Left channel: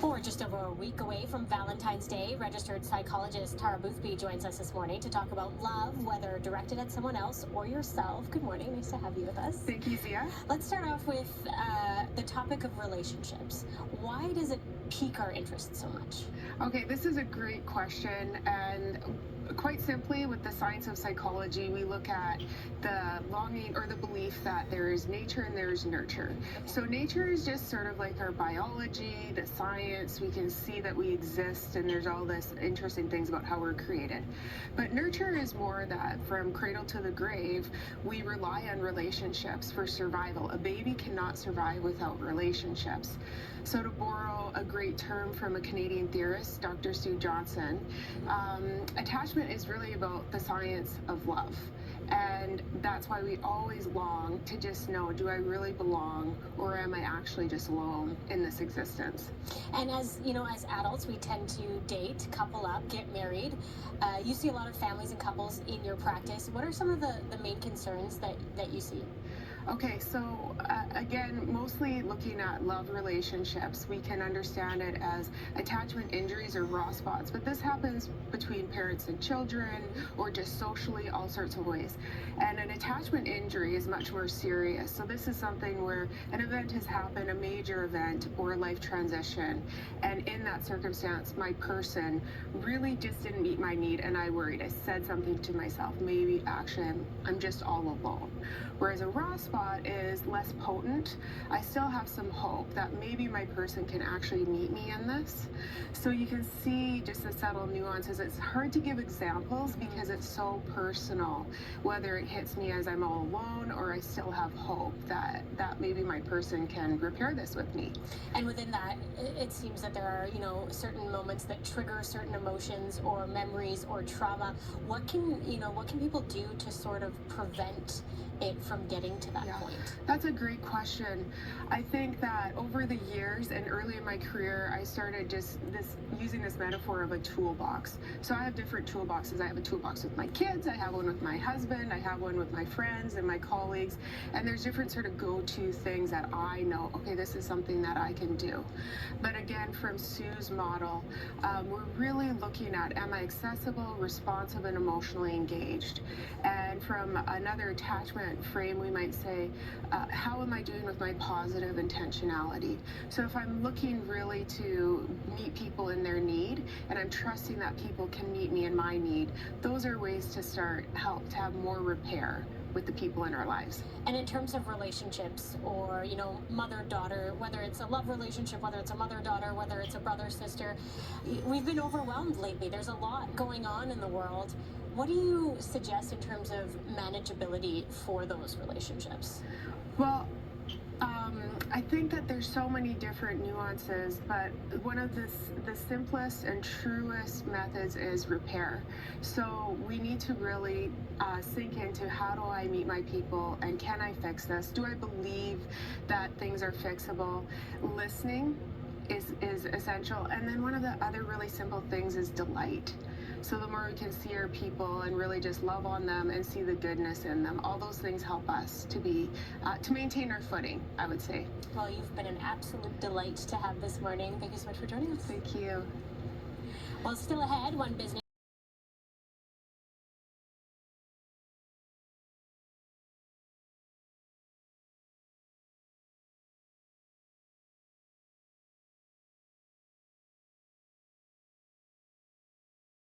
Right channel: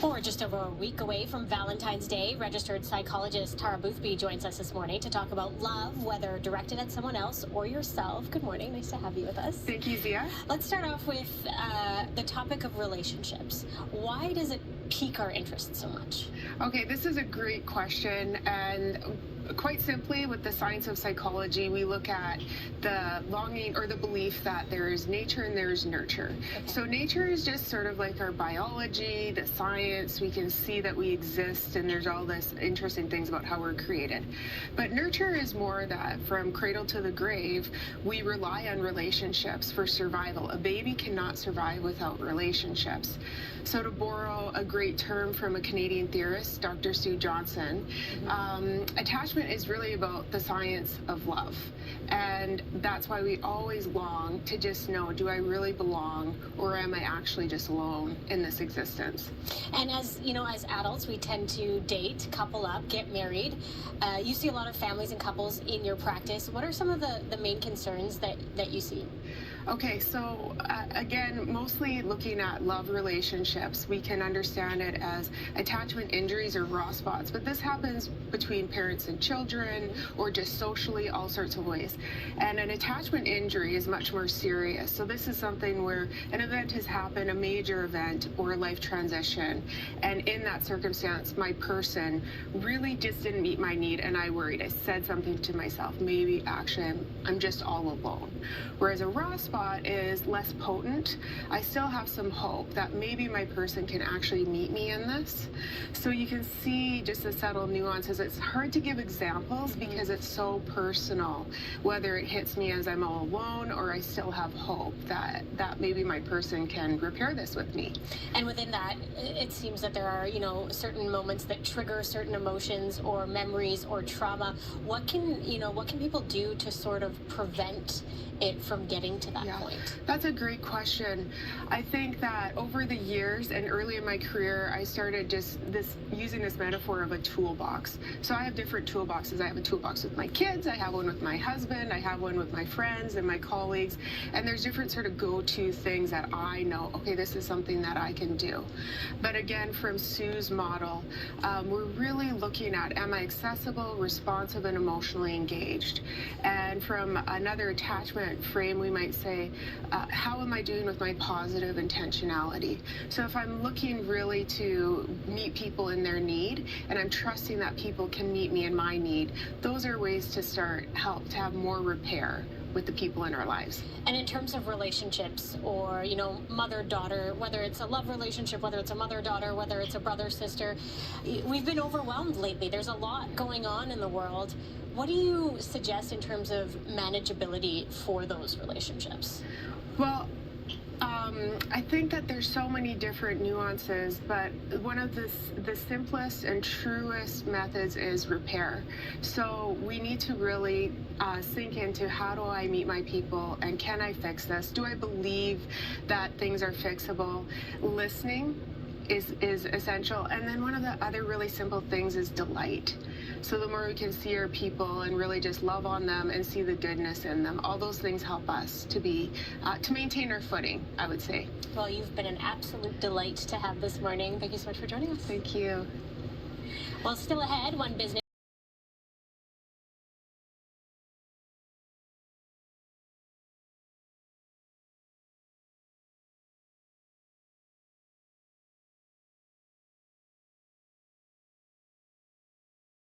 Or just over a week away from Valentine's Day, registered psychologist Tara Boothby joins us this morning to talk about love, whether directed at someone else or yourself. Good morning. Nice to have you with us. Thank you, Ziyah. Let's start off with the topic of relationships. Why does it pique our interest so much? Okay, this is a great question, and quite simply, with the science of psychology, we look at the longing or the belief that there is nature and there is nurture. Okay. So nature is just sort of like our biology, the science. We can see that we exist, and there's all this interesting things about how we're created. But nurture is more that from cradle to the grave, we rely on relationships for survival. A baby cannot survive without relationships. So to borrow a great term from a Canadian theorist, Dr. Sue Johnson, attachment is really about the science of love. And that's why we always long to just know, do I really belong, or am I actually just alone in this existence? And as you know, as adults, we tend to date, couple up, get married. You see a lot of families and couples in your practice. What are some of the main concerns that you see? Okay, so again, mostly looking at love relationships, we can understand it as attachment injuries or raw spots, but this happens between parents and children or just socially, all sorts of ways. And an attachment injury is much more serious. So this is something where an event has happened, a major event or a life transition, and in that circumstance, my person really just didn't meet my need, and I worried. I said something to myself, maybe action, I'm just all alone. Whereas a raw spot is less potent. I still have some hope that maybe my person can actually meet me in this. So you can see just the subtle nuances. It's hard to give examples because it's so personal, whether it hits me as I'm all alone or I still have hope that maybe my person can repair this with me. And within that, it seems that there are, certain moments that trigger certain emotions or memories or trauma. What can people do to sort of prevent it from getting to that point? That's a great question. I think that over the years and early in my career, I started just using this metaphor of a toolbox. So I have different toolboxes. I have a toolbox with my kids, I have one with my husband, I have one with my friends and my colleagues, and there's different sort of go-to things that I know, okay, this is something that I can do. But again, from Sue's model, we're really looking at, am I accessible, responsive, and emotionally engaged? And from another attachment frame, we might say, how am I doing with my positive intentionality? So if I'm looking really to meet people in their need, and I'm trusting that people can meet me in my need, those are ways to help to have more repair with the people in our lives. And in terms of relationships or, mother-daughter, whether it's a love relationship, whether it's a mother-daughter, whether it's a brother-sister, we've been overwhelmed lately. There's a lot going on in the world. What do you suggest in terms of manageability for those relationships? Well, I think that there's so many different nuances, but one of the simplest and truest methods is repair. So we need to really sink into, how do I meet my people, and can I fix this? Do I believe that things are fixable? Listening is essential. And then one of the other really simple things is delight. So the more we can see our people and really just love on them and see the goodness in them, all those things help us to maintain our footing, I would say. Well, you've been an absolute delight to have this morning. Thank you so much for joining us. Thank you. Well, still ahead, one business